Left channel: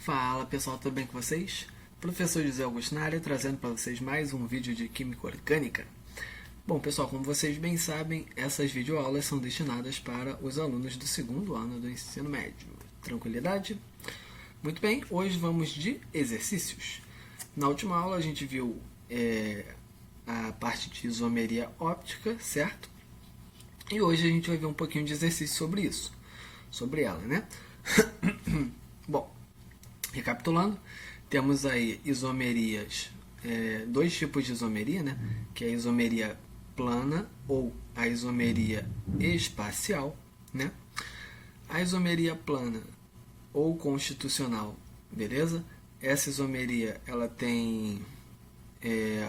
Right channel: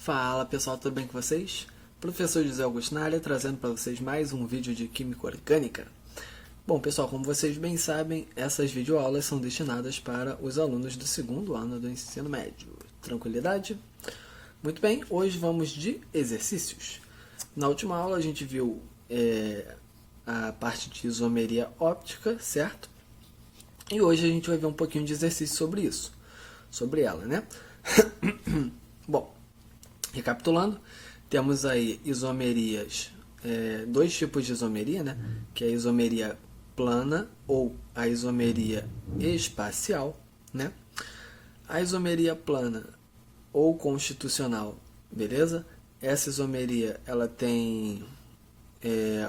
Fala pessoal, tudo bem com vocês? Professor José Augusto na área, trazendo para vocês mais um vídeo de Química Orgânica. Bom pessoal, como vocês bem sabem, essas videoaulas são destinadas para os alunos do segundo ano do ensino médio. Tranquilidade? Muito bem, hoje vamos de exercícios. Na última aula a gente viu a parte de isomeria óptica, certo? E hoje a gente vai ver um pouquinho de exercício sobre isso, sobre ela, né? Bom, recapitulando, temos aí isomerias, dois tipos de isomeria, né? Que é a isomeria plana ou a isomeria espacial, né? A isomeria plana ou constitucional, beleza? Essa isomeria, ela tem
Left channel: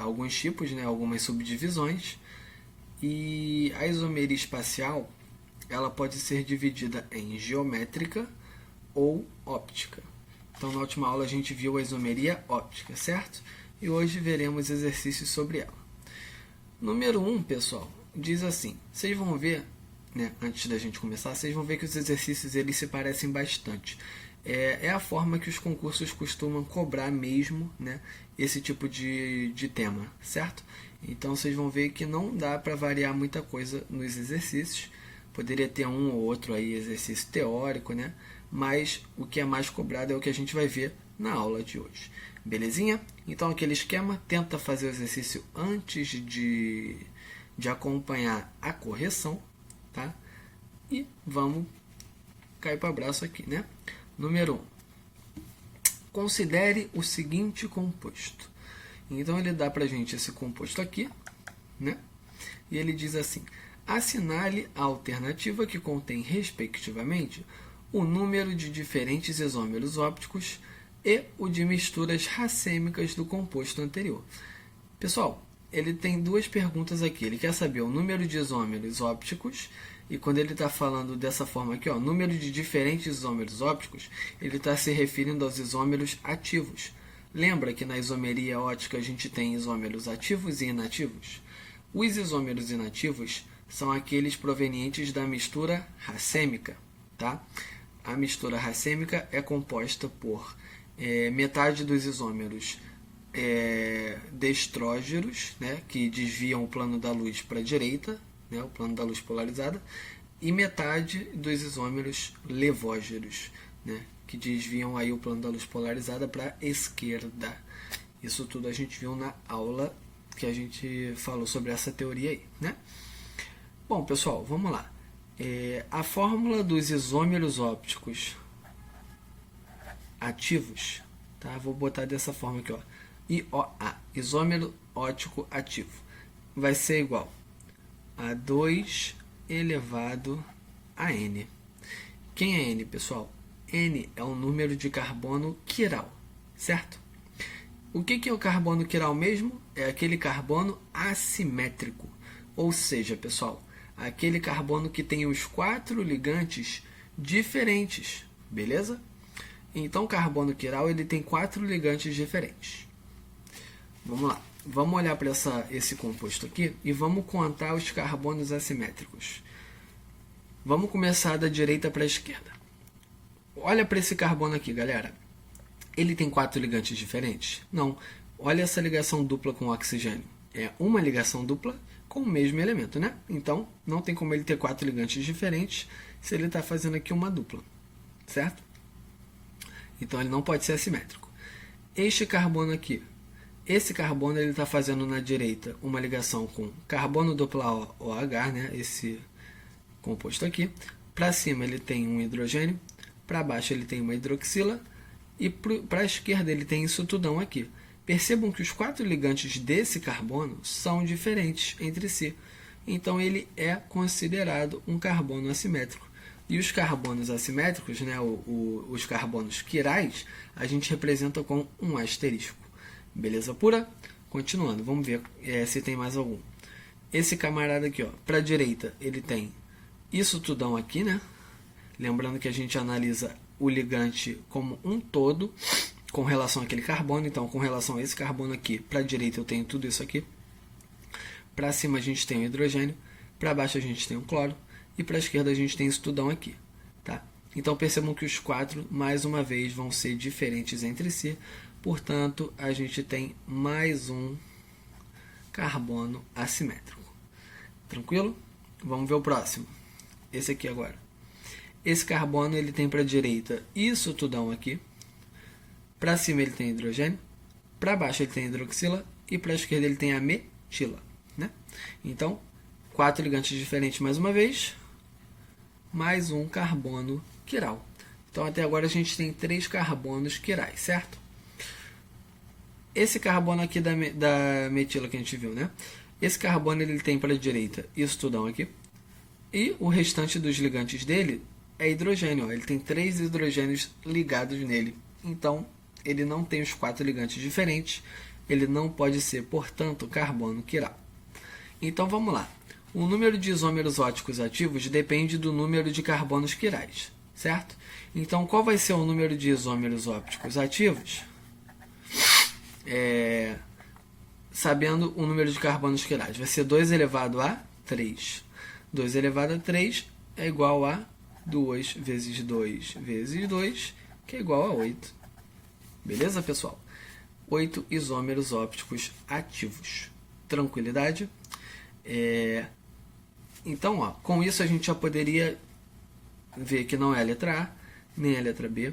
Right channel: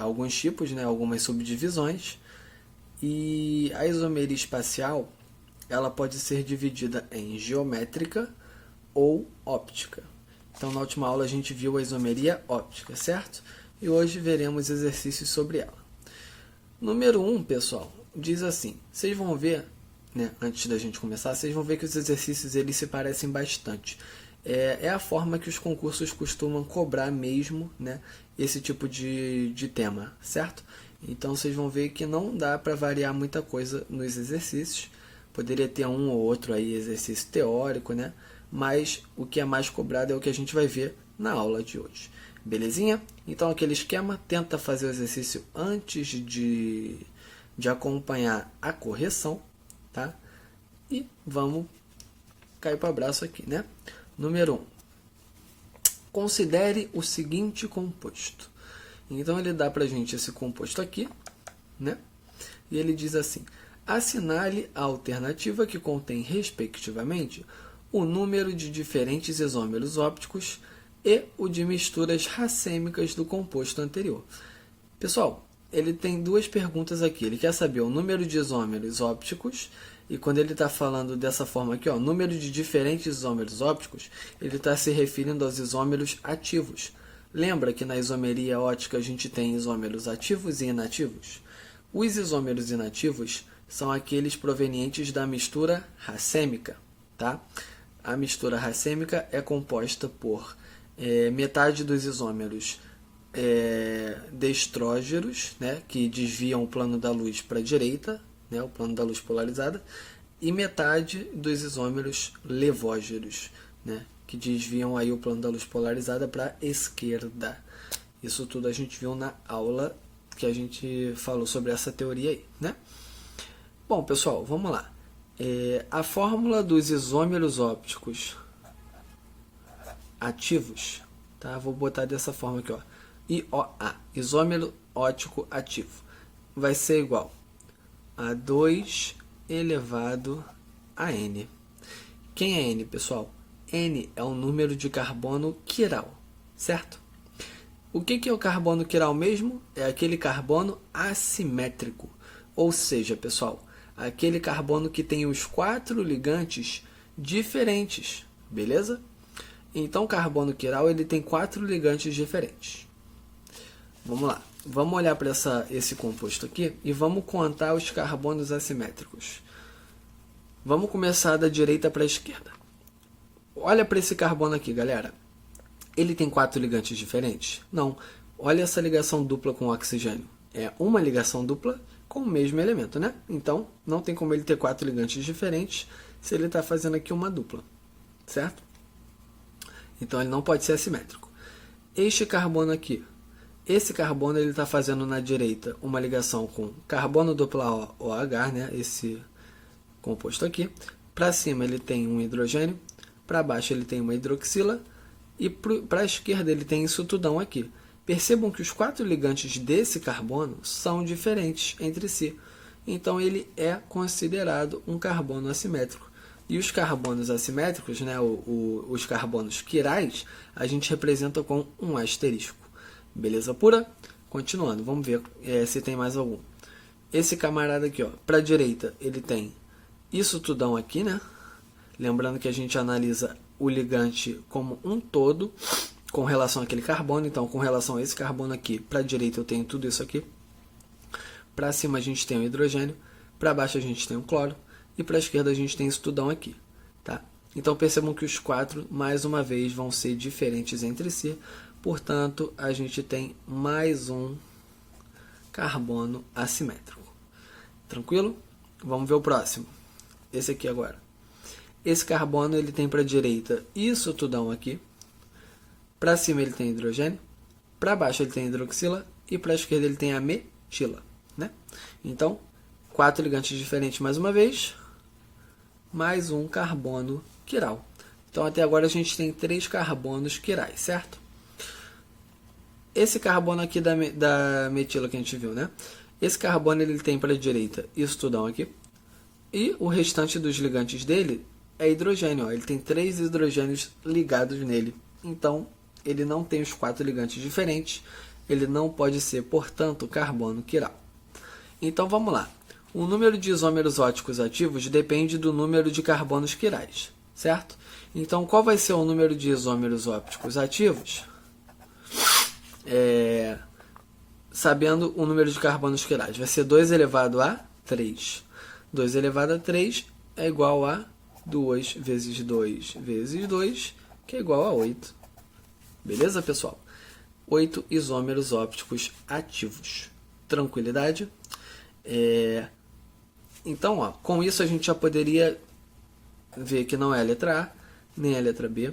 alguns tipos, né? Algumas subdivisões. E a isomeria espacial, ela pode ser dividida em geométrica ou óptica. Então, na última aula a gente viu a isomeria óptica, certo? E hoje veremos exercícios sobre ela. Número 1, pessoal, diz assim, vocês vão ver, né, antes da gente começar, vocês vão ver que os exercícios eles se parecem bastante. É a forma que os concursos costumam cobrar mesmo, né, esse tipo de tema, certo? Então, vocês vão ver que não dá para variar muita coisa nos exercícios. Poderia ter um ou outro aí exercício teórico, né? Mas o que é mais cobrado é o que a gente vai ver na aula de hoje. Belezinha? Então, aquele esquema, tenta fazer o exercício antes de acompanhar a correção, tá? E vamos cair para o abraço aqui, né? Número 1. Considere o seguinte composto. Então, ele dá para a gente esse composto aqui, né? E ele diz assim, assinale a alternativa que contém, respectivamente, o número de diferentes isômeros ópticos e o de misturas racêmicas do composto anterior. Pessoal, ele tem duas perguntas aqui. Ele quer saber o número de isômeros ópticos e quando ele está falando dessa forma aqui, ó, número de diferentes isômeros ópticos, ele está se referindo aos isômeros ativos. Lembra que na isomeria óptica a gente tem isômeros ativos e inativos? Os isômeros inativos são aqueles provenientes da mistura racêmica, tá? A mistura racêmica é composta por metade dos isômeros destrógeros, né, que desviam o plano da luz para a direita, né, o plano da luz polarizada, e metade dos isômeros levógeros, né, que desviam aí o plano da luz polarizada para a esquerda. Isso tudo a gente viu na aula que a gente falou sobre essa teoria aí, né? Bom, pessoal, vamos lá. A fórmula dos isômeros ópticos ativos, tá? Vou botar dessa forma aqui, ó. IOA, isômero óptico ativo, vai ser igual a 2 elevado a N. Quem é N, pessoal? N é o número de carbono quiral, certo? O que é o carbono quiral mesmo? É aquele carbono assimétrico. Ou seja, pessoal, aquele carbono que tem os 4 ligantes diferentes, beleza? Então, o carbono quiral ele tem 4 ligantes diferentes. Vamos lá. Vamos olhar para esse composto aqui e vamos contar os carbonos assimétricos. Vamos começar da direita para a esquerda. Olha para esse carbono aqui, galera. Ele tem 4 ligantes diferentes? Não. Olha essa ligação dupla com o oxigênio. É uma ligação dupla com o mesmo elemento, né? Então, não tem como ele ter 4 ligantes diferentes se ele está fazendo aqui uma dupla, certo? Então, ele não pode ser assimétrico. Este carbono aqui, esse carbono ele está fazendo na direita uma ligação com carbono dupla OH, né? Esse composto aqui. Para cima ele tem um hidrogênio, para baixo ele tem uma hidroxila e para a esquerda ele tem isso tudão aqui. Percebam que os 4 ligantes desse carbono são diferentes entre si. Então, ele é considerado um carbono assimétrico. E os carbonos assimétricos, né, os carbonos quirais, a gente representa com um asterisco. Beleza pura? Continuando, vamos ver se tem mais algum. Esse camarada aqui, para a direita, ele tem isso tudão aqui, né? Lembrando que a gente analisa o ligante como um todo com relação àquele carbono. Então, com relação a esse carbono aqui, para a direita eu tenho tudo isso aqui. Para cima a gente tem o hidrogênio. Para baixo a gente tem o cloro. E para a esquerda a gente tem isso tudão aqui. Tá? Então percebam que os 4, mais uma vez, vão ser diferentes entre si. Portanto, a gente tem mais um carbono assimétrico. Tranquilo? Vamos ver o próximo. Esse aqui agora. Esse carbono ele tem para a direita isso tudão aqui. Para cima ele tem hidrogênio. Para baixo ele tem hidroxila. E para a esquerda ele tem a metila. Né? Então, 4 ligantes diferentes mais uma vez. Mais um carbono quiral. Então, até agora a gente tem 3 carbonos quirais, certo? Esse carbono aqui da metila que a gente viu, né? Esse carbono ele tem para a direita isso tudão aqui. E o restante dos ligantes dele é hidrogênio. Ó. Ele tem 3 hidrogênios ligados nele. Então, ele não tem os 4 ligantes diferentes. Ele não pode ser, portanto, carbono quiral. Então, vamos lá. O número de isômeros ópticos ativos depende do número de carbonos quirais, certo? Então, qual vai ser o número de isômeros ópticos ativos? Sabendo o número de carbonos quirais. Vai ser 2 elevado a 3. 2 elevado a 3 é igual a 2 vezes 2 vezes 2, que é igual a 8. Beleza, pessoal? 8 isômeros ópticos ativos. Tranquilidade? Então, ó, com isso a gente já poderia ver que não é a letra A, nem a letra B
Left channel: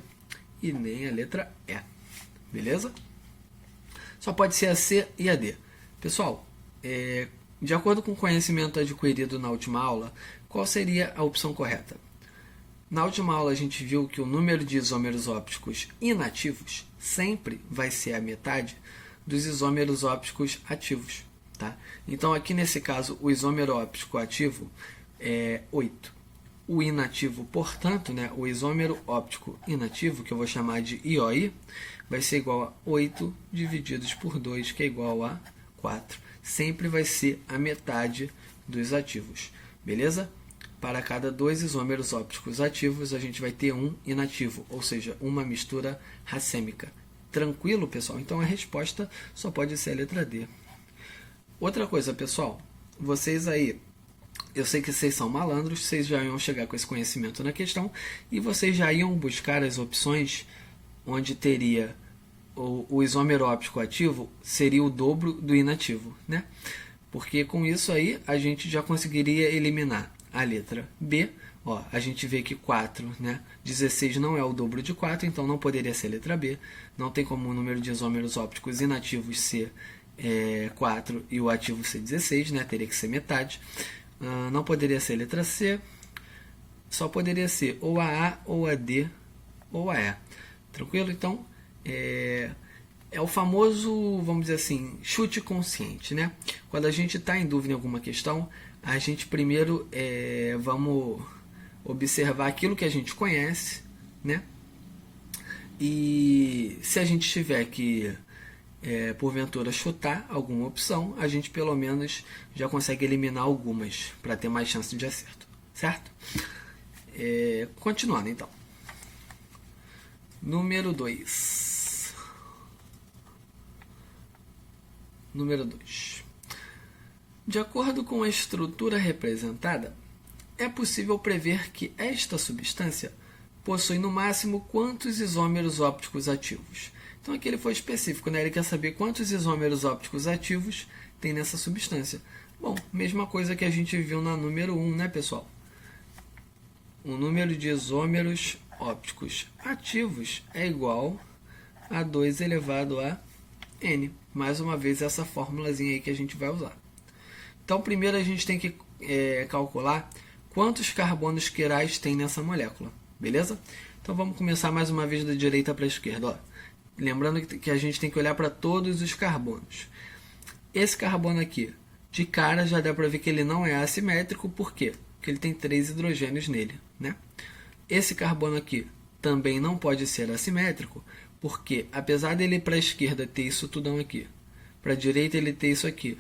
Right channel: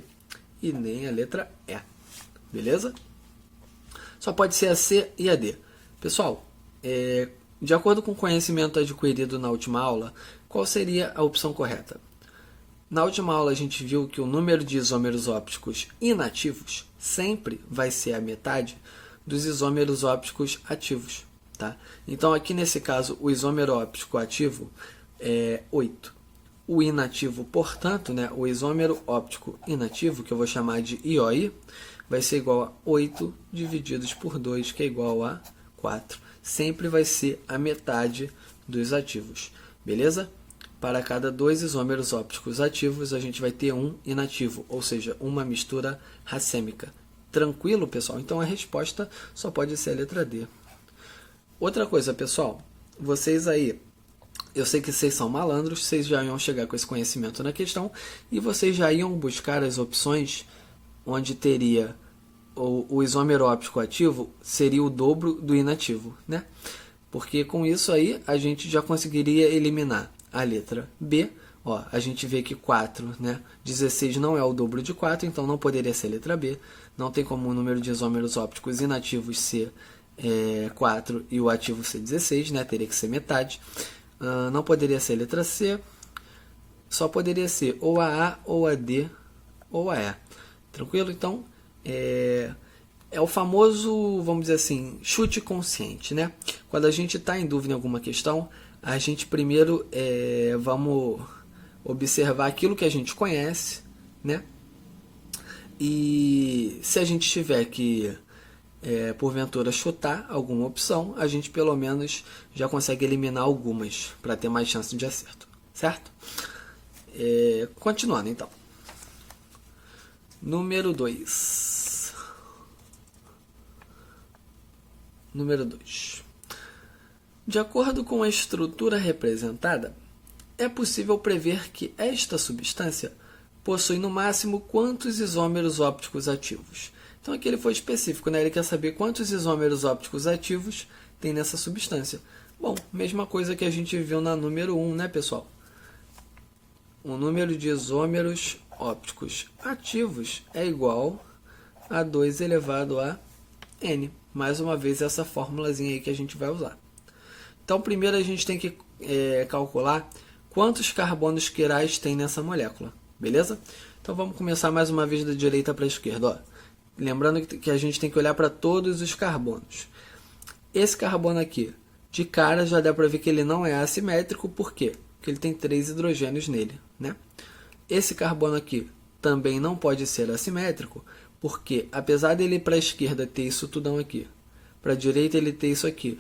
e nem a letra E. Beleza? Só pode ser a C e a D. Pessoal, de acordo com o conhecimento adquirido na última aula, qual seria a opção correta? Na última aula a gente viu que o número de isômeros ópticos inativos sempre vai ser a metade dos isômeros ópticos ativos. Tá? Então, aqui nesse caso, o isômero óptico ativo é 8. O inativo, portanto, né, o isômero óptico inativo, que eu vou chamar de IOI, vai ser igual a 8 divididos por 2, que é igual a 4. Sempre vai ser a metade dos ativos. Beleza? Para cada 2 isômeros ópticos ativos, a gente vai ter um inativo, ou seja, uma mistura racêmica. Tranquilo, pessoal? Então, a resposta só pode ser a letra D. Outra coisa, pessoal, vocês aí, eu sei que vocês são malandros, vocês já iam chegar com esse conhecimento na questão e vocês já iam buscar as opções onde teria o isômero óptico ativo seria o dobro do inativo, né? Porque com isso aí a gente já conseguiria eliminar a letra B. Ó, a gente vê que 4, né? 16 não é o dobro de 4, então não poderia ser a letra B. Não tem como o número de isômeros ópticos inativos ser 4 e o ativo ser 16, né? Teria que ser metade. Não poderia ser a letra C, só poderia ser ou a A, ou a D, ou a E. Tranquilo? Então, é o famoso, vamos dizer assim, chute consciente, né? Quando a gente está em dúvida em alguma questão, a gente primeiro vamos observar aquilo que a gente conhece, né? E se a gente tiver que porventura chutar alguma opção, a gente pelo menos já consegue eliminar algumas para ter mais chance de acerto, certo? Continuando então. Número 2. Número 2. De acordo com a estrutura representada, é possível prever que esta substância possui no máximo quantos isômeros ópticos ativos. Então aqui ele foi específico, né? Ele quer saber quantos isômeros ópticos ativos tem nessa substância. Bom, mesma coisa que a gente viu na número 1, né, pessoal? O número de isômeros ópticos ativos é igual a 2 elevado a N. Mais uma vez essa formulazinha aí que a gente vai usar. Então primeiro a gente tem que calcular quantos carbonos quirais tem nessa molécula, beleza? Então vamos começar mais uma vez da direita para a esquerda, ó. Lembrando que a gente tem que olhar para todos os carbonos. Esse carbono aqui, de cara já dá para ver que ele não é assimétrico, por quê? Porque ele tem 3 hidrogênios nele, né? Esse carbono aqui também não pode ser assimétrico, porque apesar dele ir para a esquerda ter isso tudão aqui, para a direita ele ter isso aqui,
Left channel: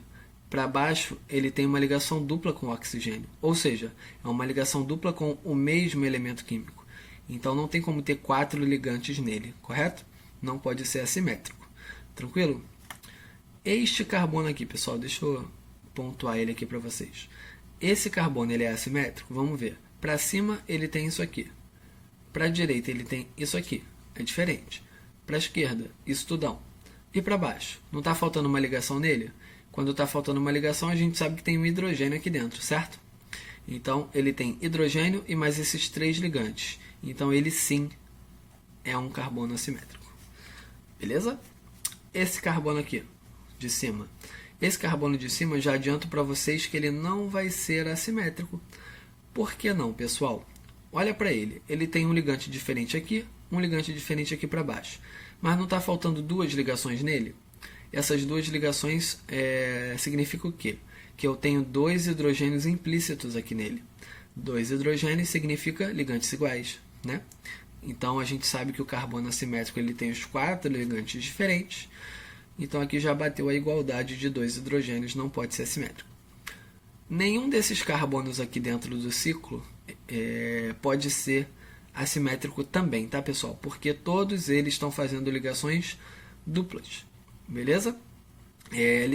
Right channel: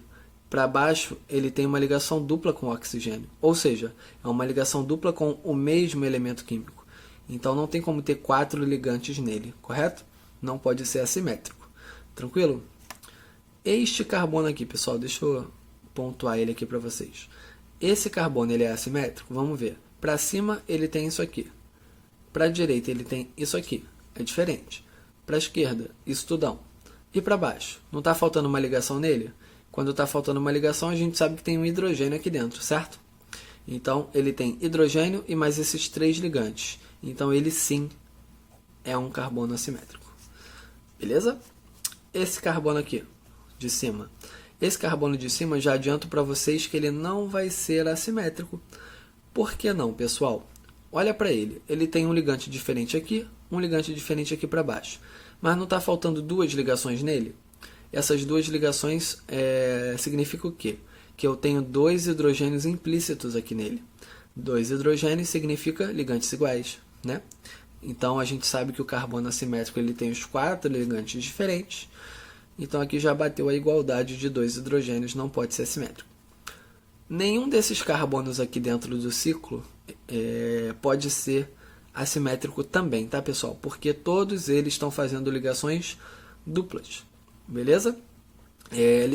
para baixo ele tem uma ligação dupla com o oxigênio, ou seja, é uma ligação dupla com o mesmo elemento químico. Então não tem como ter 4 ligantes nele, correto? Não pode ser assimétrico. Tranquilo? Este carbono aqui, pessoal, deixa eu pontuar ele aqui para vocês. Esse carbono ele é assimétrico? Vamos ver. Para cima ele tem isso aqui. Para a direita ele tem isso aqui, é diferente. Para a esquerda, isso tudão. E para baixo, não está faltando uma ligação nele? Quando está faltando uma ligação, a gente sabe que tem um hidrogênio aqui dentro, certo? Então, ele tem hidrogênio e mais esses 3 ligantes. Então, ele sim é um carbono assimétrico. Beleza? Esse carbono aqui, de cima. Esse carbono de cima, já adianto para vocês que ele não vai ser assimétrico. Por que não, pessoal? Olha para ele. Ele tem um ligante diferente aqui, um ligante diferente aqui para baixo. Mas não está faltando 2 ligações nele? Essas 2 ligações significam o quê? Que eu tenho 2 hidrogênios implícitos aqui nele. 2 hidrogênios significa ligantes iguais, né? Então, a gente sabe que o carbono assimétrico ele tem os 4 ligantes diferentes. Então, aqui já bateu a igualdade de 2 hidrogênios, não pode ser assimétrico. Nenhum desses carbonos aqui dentro do ciclo pode ser assimétrico também, tá, pessoal? Porque todos eles estão fazendo ligações duplas, beleza?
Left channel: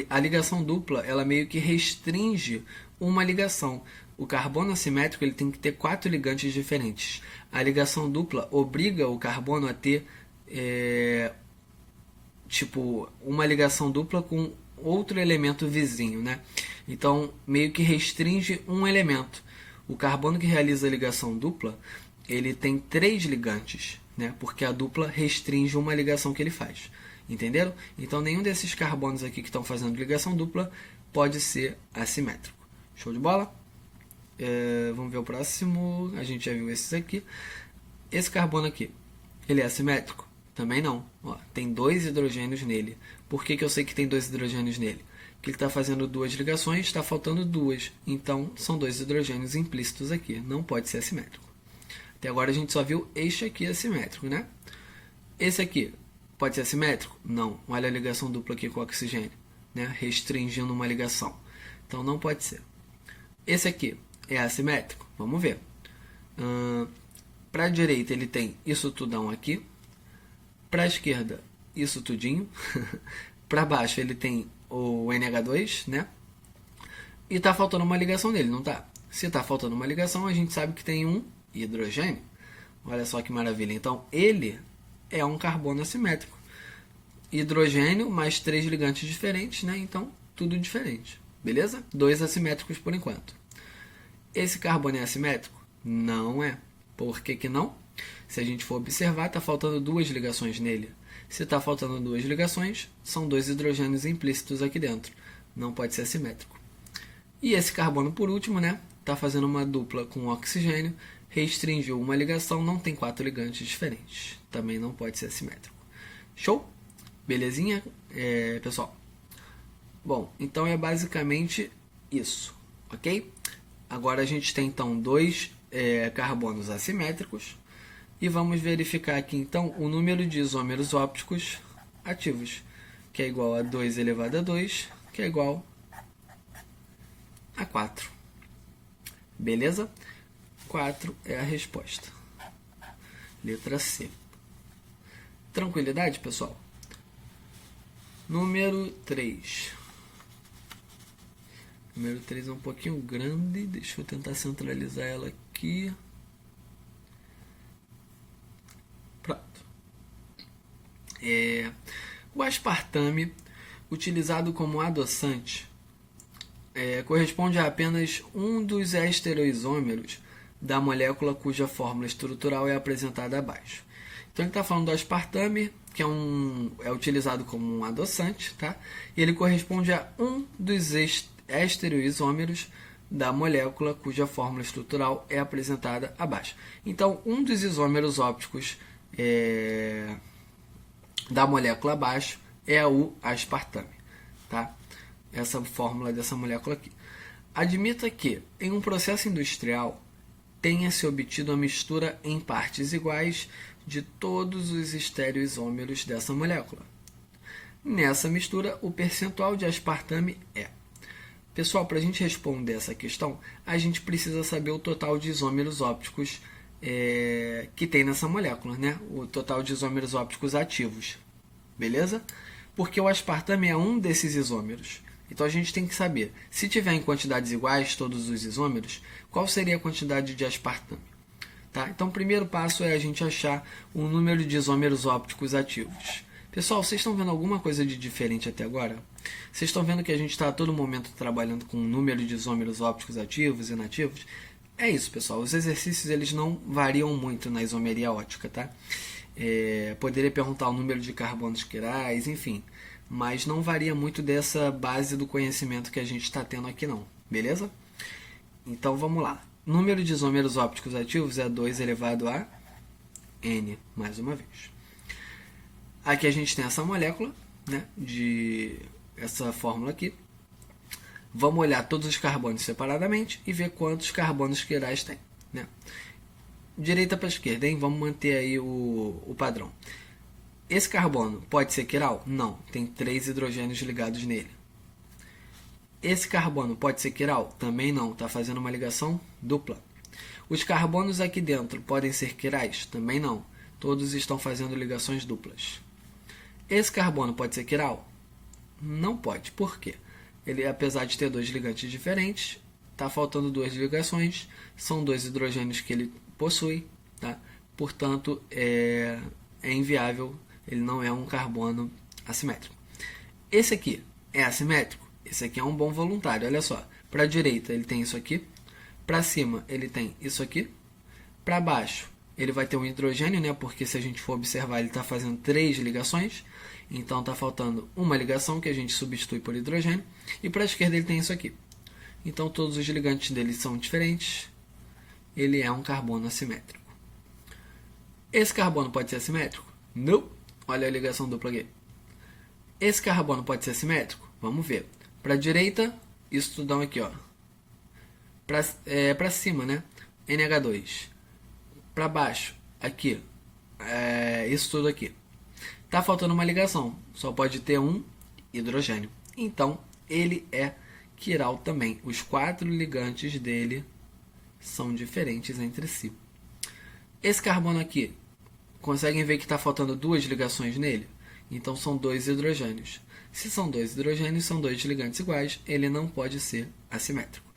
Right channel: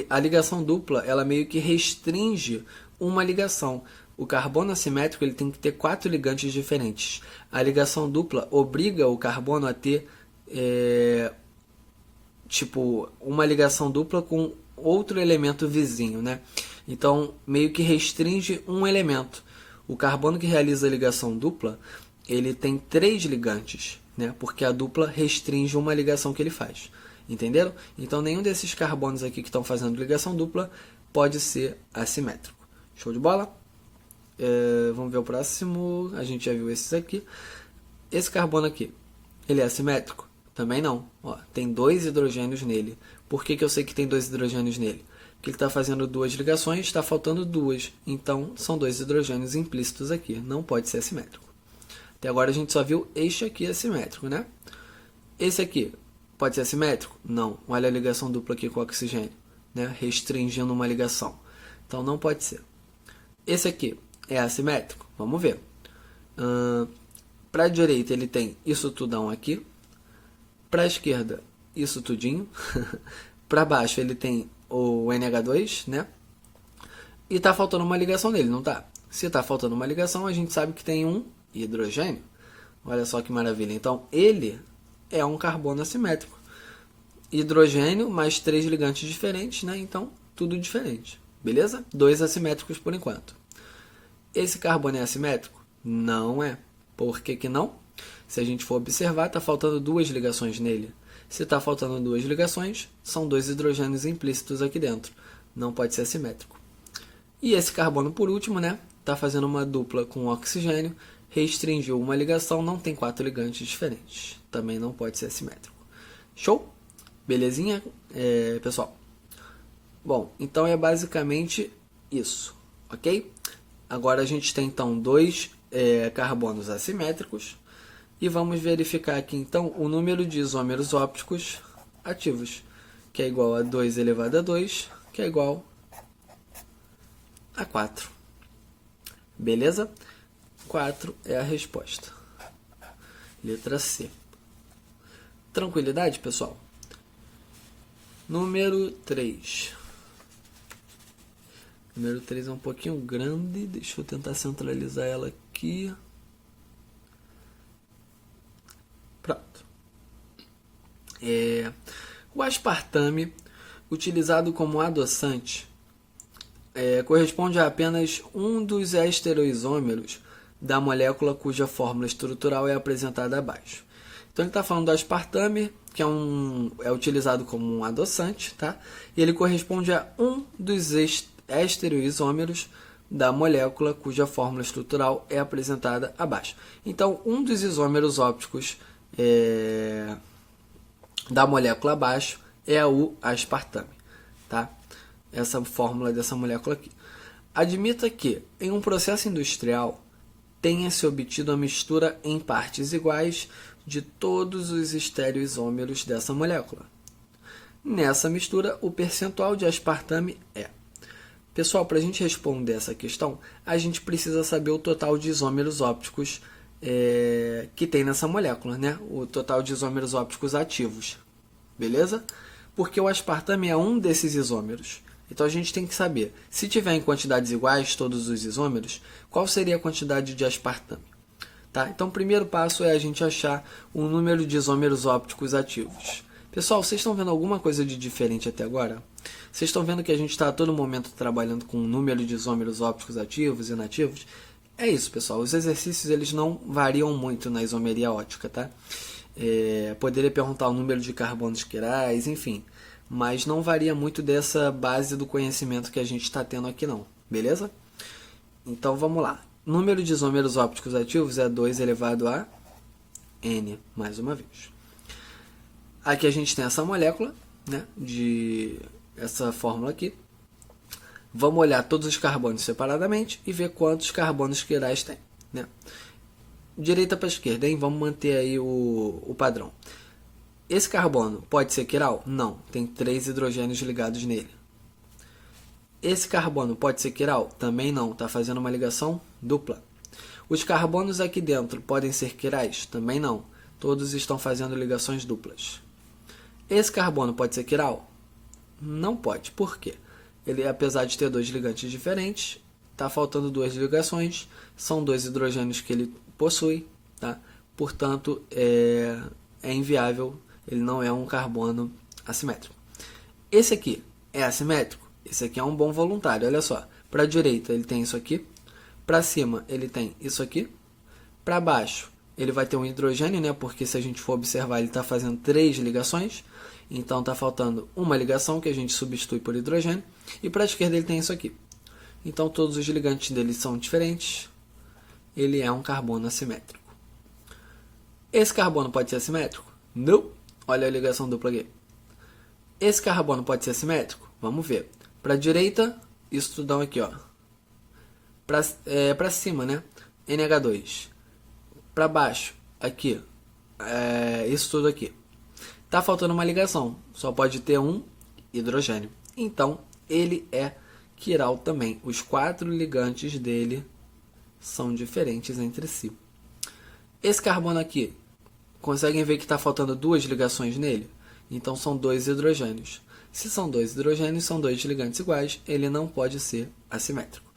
A ligação dupla, ela meio que restringe uma ligação. O carbono assimétrico ele tem que ter 4 ligantes diferentes. A ligação dupla obriga o carbono a ter uma ligação dupla com outro elemento vizinho, né? Então, meio que restringe um elemento. O carbono que realiza a ligação dupla, ele tem 3 ligantes, né? Porque a dupla restringe uma ligação que ele faz. Entenderam? Então, nenhum desses carbonos aqui que estão fazendo ligação dupla pode ser assimétrico. Show de bola? Vamos ver o próximo. A gente já viu esses aqui. Esse carbono aqui, ele é assimétrico? Também não. Ó, tem 2 hidrogênios nele. Por que eu sei que tem 2 hidrogênios nele? Porque ele está fazendo 2 ligações, está faltando 2. Então, são 2 hidrogênios implícitos aqui. Não pode ser assimétrico. Até agora a gente só viu este aqui assimétrico, né? Esse aqui pode ser assimétrico? Não. Olha a ligação dupla aqui com o oxigênio, né? Restringindo uma ligação. Então, não pode ser. Esse aqui é assimétrico? Vamos ver. Para a direita, ele tem isso tudão aqui. Para a esquerda, isso tudinho. Para baixo, ele tem o NH2, né? E está faltando uma ligação nele, não está? Se está faltando uma ligação, a gente sabe que tem um hidrogênio. Olha só que maravilha. Então, ele é um carbono assimétrico. Hidrogênio mais 3 ligantes diferentes, né? Então, tudo diferente. Beleza? 2 assimétricos por enquanto. Esse carbono é assimétrico? Não é. Por que que não? Se a gente for observar, está faltando 2 ligações nele. Se está faltando 2 ligações, são 2 hidrogênios implícitos aqui dentro. Não pode ser assimétrico. E esse carbono, por último, né? Está fazendo uma dupla com oxigênio, restringiu uma ligação, não tem 4 ligantes diferentes. Também não pode ser assimétrico. Show? Belezinha, pessoal? Bom, então é basicamente isso, ok? Agora a gente tem, então, 2 carbonos assimétricos. E vamos verificar aqui, então, o número de isômeros ópticos ativos, que é igual a 2 elevado a 2, que é igual a 4. Beleza? 4 é a resposta. Letra C. Tranquilidade, pessoal? Número 3. Número 3 é um pouquinho grande. Deixa eu tentar centralizar ela aqui. Pronto. O aspartame, utilizado como adoçante, corresponde a apenas um dos estereoisômeros da molécula cuja fórmula estrutural é apresentada abaixo. Então ele está falando do aspartame, que é utilizado como um adoçante, tá? E ele corresponde a um dos estereoisômeros da molécula cuja fórmula estrutural é apresentada abaixo. Então, um dos isômeros ópticos da molécula abaixo é o aspartame, tá? Essa fórmula dessa molécula aqui. Admita que, em um processo industrial, tenha-se obtido a mistura em partes iguais de todos os estereoisômeros dessa molécula. Nessa mistura, o percentual de aspartame é... Pessoal, para a gente responder essa questão, a gente precisa saber o total de isômeros ópticos que tem nessa molécula, né? O total de isômeros ópticos ativos, beleza? Porque o aspartame é um desses isômeros. Então a gente tem que saber, se tiver em quantidades iguais todos os isômeros, qual seria a quantidade de aspartame? Tá? Então, o primeiro passo é a gente achar o número de isômeros ópticos ativos. Pessoal, vocês estão vendo alguma coisa de diferente até agora? Vocês estão vendo que a gente está a todo momento trabalhando com o número de isômeros ópticos ativos e inativos? É isso, pessoal. Os exercícios eles não variam muito na isomeria ótica, tá? Poderia perguntar o número de carbonos quirais, enfim. Mas não varia muito dessa base do conhecimento que a gente está tendo aqui não, beleza? Então vamos lá. Número de isômeros ópticos ativos é 2 elevado a N, mais uma vez. Aqui a gente tem essa molécula, né, essa fórmula aqui. Vamos olhar todos os carbonos separadamente e ver quantos carbonos quirais tem, né? Direita para esquerda, hein? Vamos manter aí o padrão. Esse carbono pode ser quiral? Não, tem 3 hidrogênios ligados nele. Esse carbono pode ser quiral? Também não, está fazendo uma ligação dupla. Os carbonos aqui dentro podem ser quirais? Também não, todos estão fazendo ligações duplas. Esse carbono pode ser quiral? Não pode, por quê? Ele, apesar de ter 2 ligantes diferentes, está faltando 2 ligações, são 2 hidrogênios que ele possui, tá? Portanto, é inviável, ele não é um carbono assimétrico. Esse aqui é assimétrico? Esse aqui é um bom voluntário, olha só. Para a direita ele tem isso aqui, para cima ele tem isso aqui, para baixo ele vai ter um hidrogênio, né? Porque se a gente for observar ele está fazendo 3 ligações, então está faltando uma ligação que a gente substitui por hidrogênio, e para a esquerda ele tem isso aqui. Então todos os ligantes dele são diferentes, ele é um carbono assimétrico. Esse carbono pode ser assimétrico? Não! Olha a ligação dupla aqui. Esse carbono pode ser assimétrico? Vamos ver. Para a direita, isso tudão aqui, ó. Para cima, né? NH2. Para baixo, aqui. Isso tudo aqui. Tá faltando uma ligação. Só pode ter um hidrogênio. Então, ele é quiral também. Os 4 ligantes dele são diferentes entre si. Esse carbono aqui, conseguem ver que está faltando 2 ligações nele? Então, são 2 hidrogênios. Se são 2 hidrogênios, são 2 ligantes iguais, ele não pode ser assimétrico.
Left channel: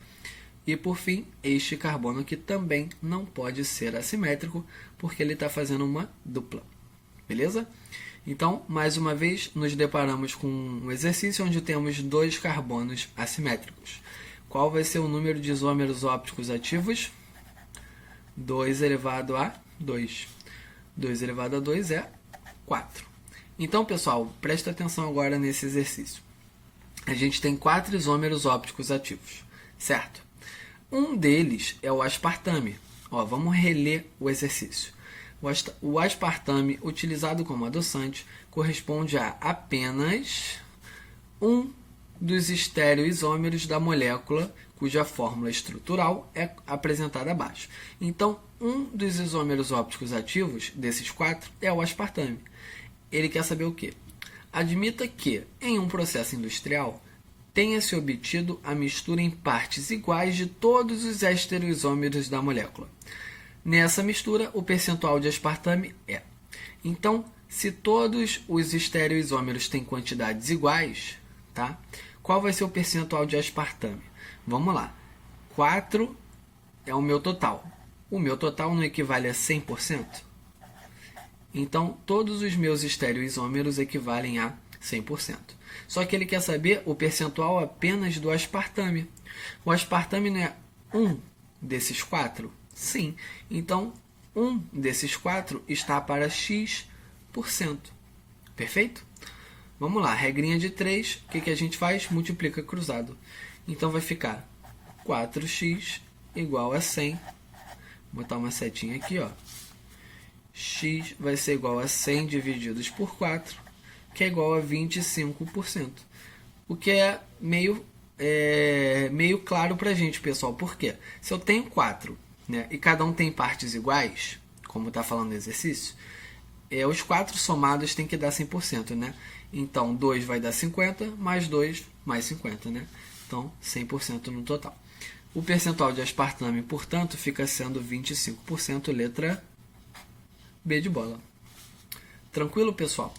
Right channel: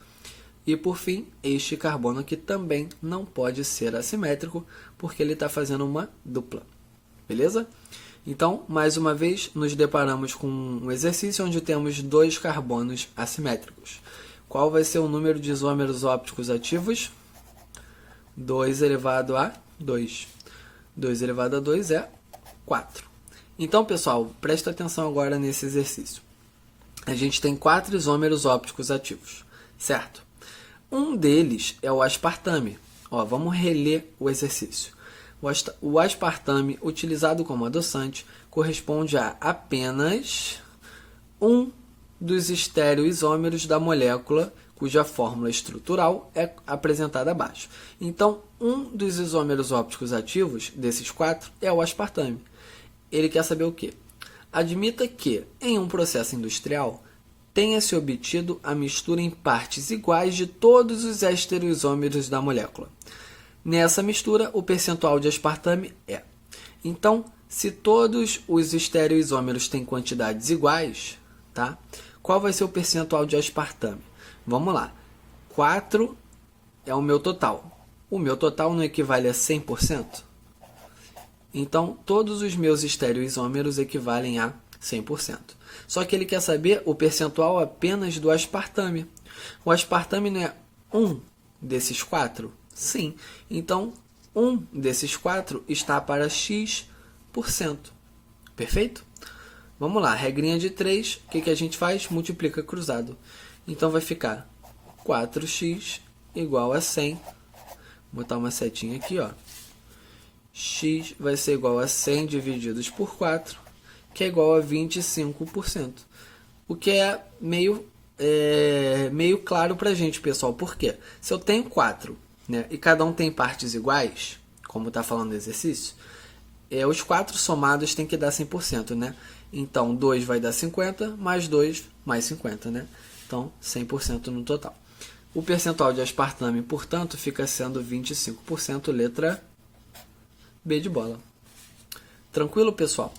E, por fim, este carbono aqui também não pode ser assimétrico, porque ele está fazendo uma dupla. Beleza? Então, mais uma vez, nos deparamos com um exercício onde temos 2 carbonos assimétricos. Qual vai ser o número de isômeros ópticos ativos? 2 elevado a 2. 2 elevado a 2 é 4. Então, pessoal, presta atenção agora nesse exercício. A gente tem 4 isômeros ópticos ativos, certo? Um deles é o aspartame. Ó, vamos reler o exercício. O aspartame, utilizado como adoçante, corresponde a apenas um dos estereoisômeros da molécula cuja fórmula estrutural é apresentada abaixo. Então, um dos isômeros ópticos ativos, desses 4, é o aspartame. Ele quer saber o quê? Admita que, em um processo industrial, tenha-se obtido a mistura em partes iguais de todos os estereoisômeros da molécula. Nessa mistura, o percentual de aspartame é. Então, se todos os estereoisômeros têm quantidades iguais, tá? Qual vai ser o percentual de aspartame? Vamos lá. 4 é o meu total. O meu total não equivale a 100%? Então, todos os meus estereoisômeros equivalem a 100%. Só que ele quer saber o percentual apenas do aspartame. O aspartame não é um desses 4? Sim. Então, um desses 4 está para X%. Perfeito? Vamos lá, regrinha de 3, o que a gente faz? Multiplica cruzado. Então, vai ficar 4x igual a 100. Vou botar uma setinha aqui, ó. X vai ser igual a 100 divididos por 4, que é igual a 25%. O que é meio claro para a gente, pessoal. Por quê? Se eu tenho 4, né, e cada um tem partes iguais, como está falando no exercício, os 4 somados tem que dar 100%, né? Então, 2 vai dar 50, mais 2, mais 50, né? Então, 100% no total. O percentual de aspartame, portanto, fica sendo 25%, letra B de bola. Tranquilo, pessoal?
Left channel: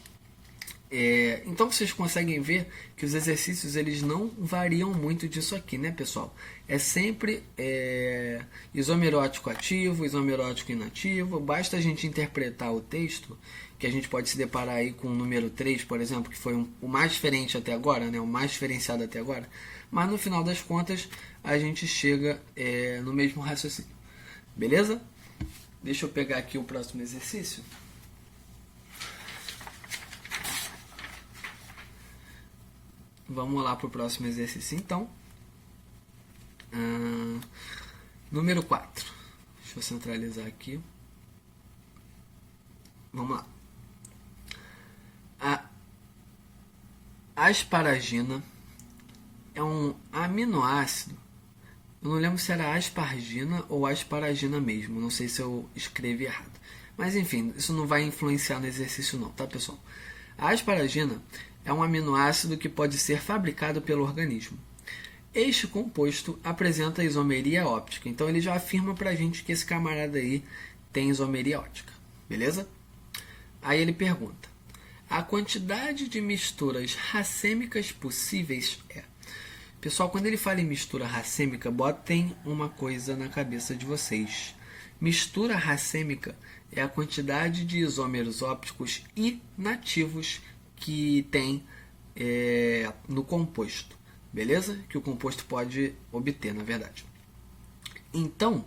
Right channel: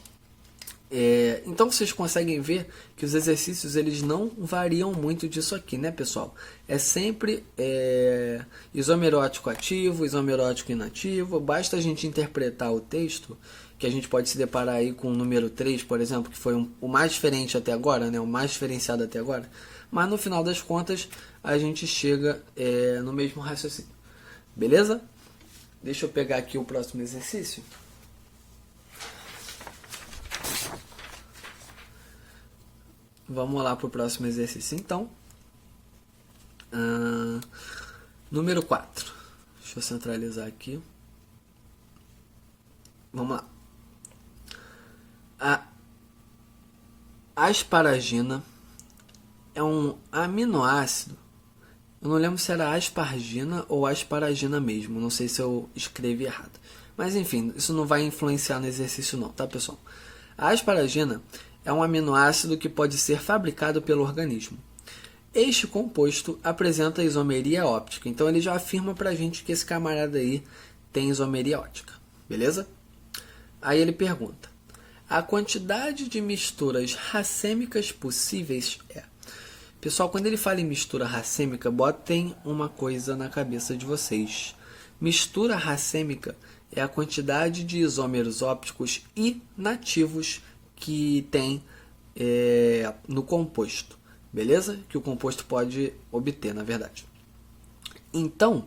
Então vocês conseguem ver que os exercícios eles não variam muito disso aqui, né, pessoal? É sempre isomerótico ativo, isomerótico inativo. Basta a gente interpretar o texto, que a gente pode se deparar aí com o número 3, por exemplo, que foi o mais diferente até agora, né, o mais diferenciado até agora. Mas no final das contas a gente chega no mesmo raciocínio. Beleza? Deixa eu pegar aqui o próximo exercício. Vamos lá para o próximo exercício, então. Número 4. Deixa eu centralizar aqui. Vamos lá. A asparagina é um aminoácido. Eu não lembro se era aspargina ou asparagina mesmo. Não sei se eu escrevi errado. Mas enfim, isso não vai influenciar no exercício não, tá, pessoal? A asparagina é um aminoácido que pode ser fabricado pelo organismo. Este composto apresenta isomeria óptica. Então ele já afirma pra gente que esse camarada aí tem isomeria óptica. Beleza? Aí ele pergunta: a quantidade de misturas racêmicas possíveis é... Pessoal, quando ele fala em mistura racêmica, botem uma coisa na cabeça de vocês. Mistura racêmica é a quantidade de isômeros ópticos inativos que tem no composto. Beleza? Que o composto pode obter, na verdade. Então,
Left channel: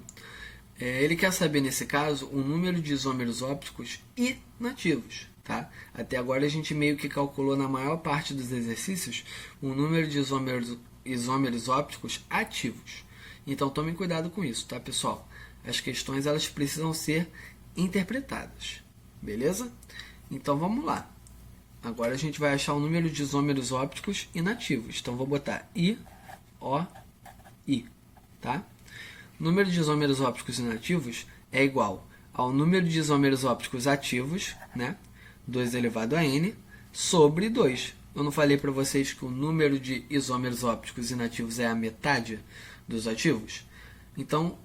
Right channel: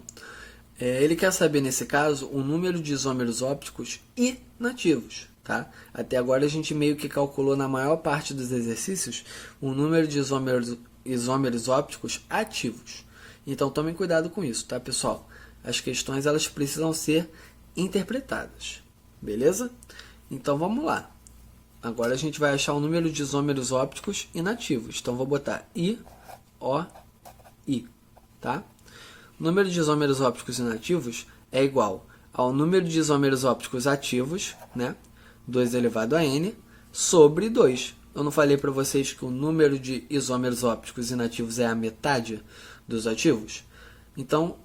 ele quer saber, nesse caso, o número de isômeros ópticos inativos. Tá? Até agora a gente meio que calculou na maior parte dos exercícios o número de isômeros ópticos ativos. Então tomem cuidado com isso, tá, pessoal? As questões elas precisam ser interpretadas, beleza? Então vamos lá. Agora a gente vai achar o número de isômeros ópticos inativos. Então vou botar I, O, I, tá? O número de isômeros ópticos inativos é igual ao número de isômeros ópticos ativos, né? 2 elevado a n, sobre 2. Eu não falei para vocês que o número de isômeros ópticos inativos é a metade dos ativos? Então,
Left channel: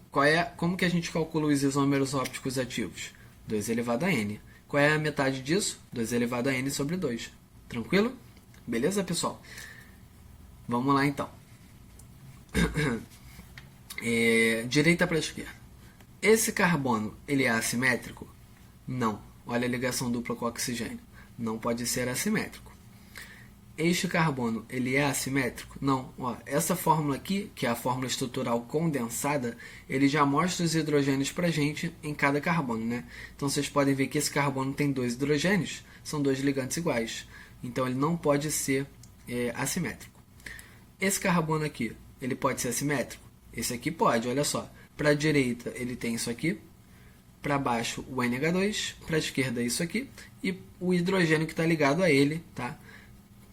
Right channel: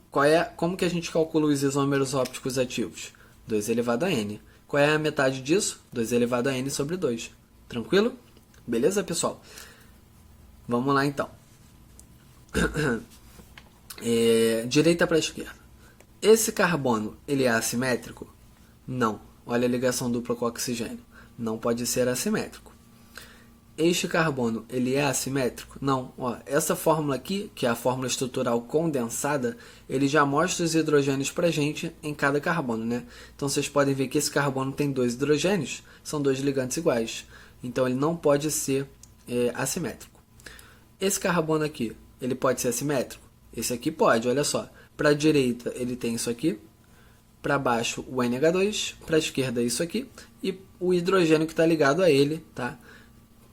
como que a gente calcula os isômeros ópticos ativos? 2 elevado a n. Qual é a metade disso? 2 elevado a n sobre 2. Tranquilo? Beleza, pessoal? Vamos lá, então. Direita para esquerda. Esse carbono, ele é assimétrico? Não. Olha a ligação dupla com oxigênio. Não pode ser assimétrico. Este carbono, ele é assimétrico? Não. Ó, essa fórmula aqui, que é a fórmula estrutural condensada, ele já mostra os hidrogênios para a gente em cada carbono, né? Então, vocês podem ver que esse carbono tem 2 hidrogênios, são 2 ligantes iguais. Então, ele não pode ser assimétrico. Esse carbono aqui, ele pode ser assimétrico? Esse aqui pode, olha só. Para a direita, ele tem isso aqui. Para baixo, o NH2. Para a esquerda, isso aqui. E o hidrogênio que está ligado a ele, tá?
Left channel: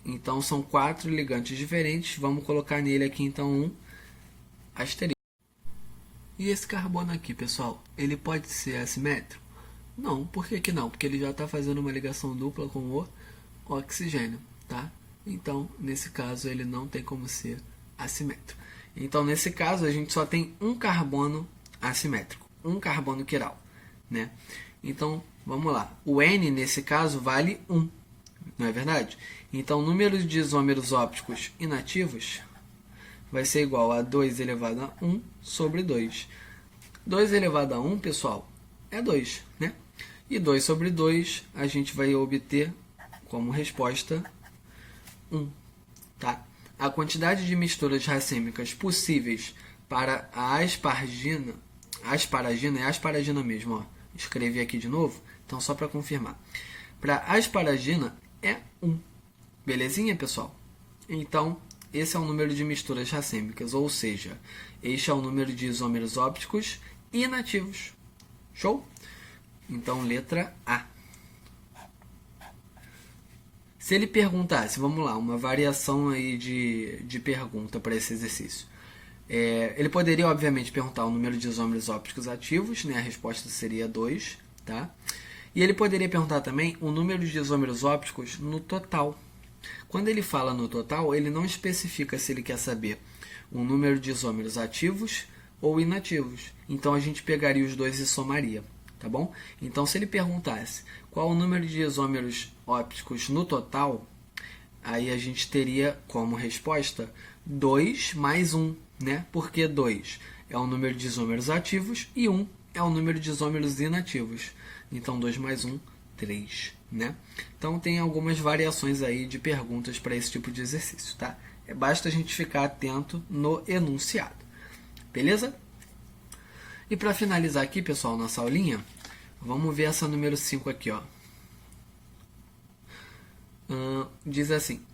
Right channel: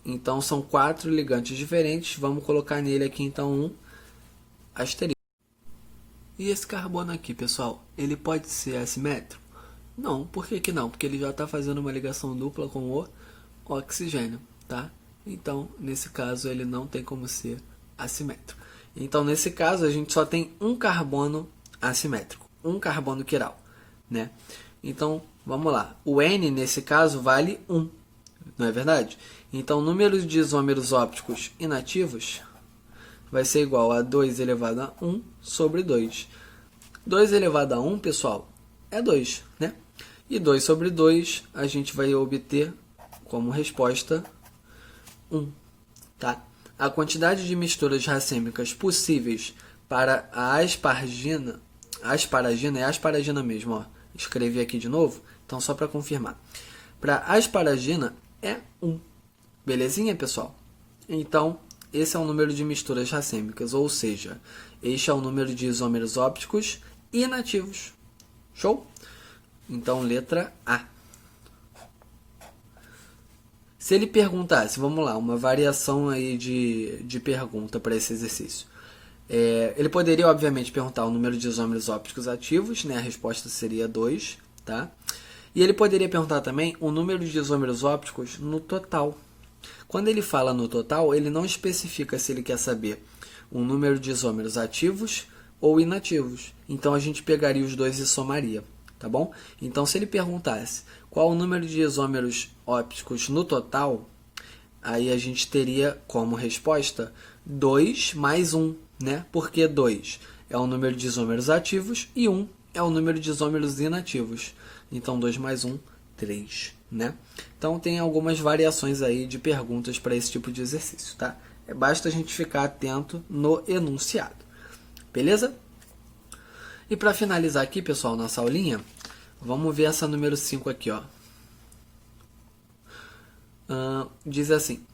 Então, são 4 ligantes diferentes. Vamos colocar nele aqui, então, um asterisco. E esse carbono aqui, pessoal, ele pode ser assimétrico? Não. Por que não? Porque ele já está fazendo uma ligação dupla com o oxigênio, tá? Então, nesse caso, ele não tem como ser assimétrico. Então, nesse caso, a gente só tem um carbono assimétrico. Um carbono quiral, né? Então, vamos lá. O N, nesse caso, vale 1. Não é verdade? Então, o número de isômeros ópticos inativos vai ser igual a 2 elevado a 1 sobre 2. 2 elevado a 1, pessoal, é 2, né? E 2 sobre 2, a gente vai obter como resposta 1, tá? A quantidade de misturas racêmicas possíveis para a asparagina é asparagina mesmo, ó. Escrevi aqui de novo, então só para confirmar. Para asparagina é 1. Belezinha, pessoal? Então, esse é o número de misturas racêmicas, ou seja, este é o número de isômeros ópticos inativos. Show? Então, letra A. Se ele perguntasse, vamos lá, uma variação aí de pergunta para esse exercício. Ele poderia, obviamente, perguntar o número de isômeros ópticos ativos, né? A resposta seria 2, tá? E ele poderia perguntar também o número de isômeros ópticos no total. Quando ele fala no total, ele não especifica se ele quer saber o número de isômeros ativos ou inativos. Então, a gente pegaria os dois e somaria, tá bom? Então, se ele perguntasse qual o número de isômeros ópticos no total, aí a gente teria como resposta 2 mais 1, né? Porque 2 é o número de isômeros ativos e 1 é o número de isômeros inativos. Então, 2 mais 1, 3, né? Então, tem algumas variações aí de perguntas para esse tipo de exercício, tá? Basta a gente ficar atento no enunciado. Beleza? E para finalizar aqui, pessoal, nossa aulinha, vamos ver essa número 5 aqui, ó. Diz assim:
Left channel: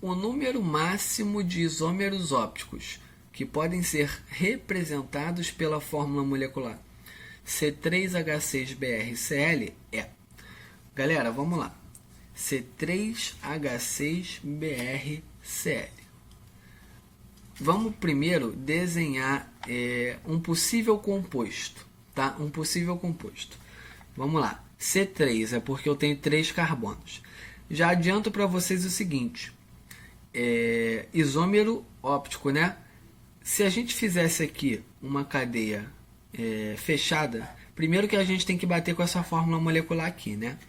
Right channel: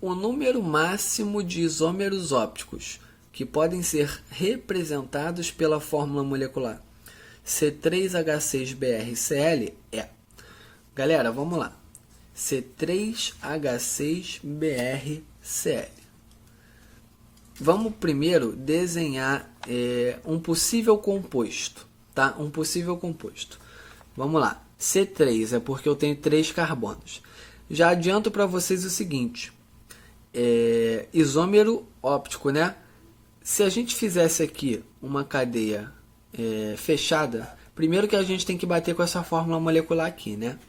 o número máximo de isômeros ópticos que podem ser representados pela fórmula molecular C3H6BrCl é... Galera, vamos lá. C3H6BrCl. Vamos primeiro desenhar um possível composto, tá? Um possível composto. Vamos lá. C3 é porque eu tenho 3 carbonos. Já adianto para vocês o seguinte. Isômero óptico, né? Se a gente fizesse aqui uma cadeia fechada, primeiro que a gente tem que bater com essa fórmula molecular aqui, né?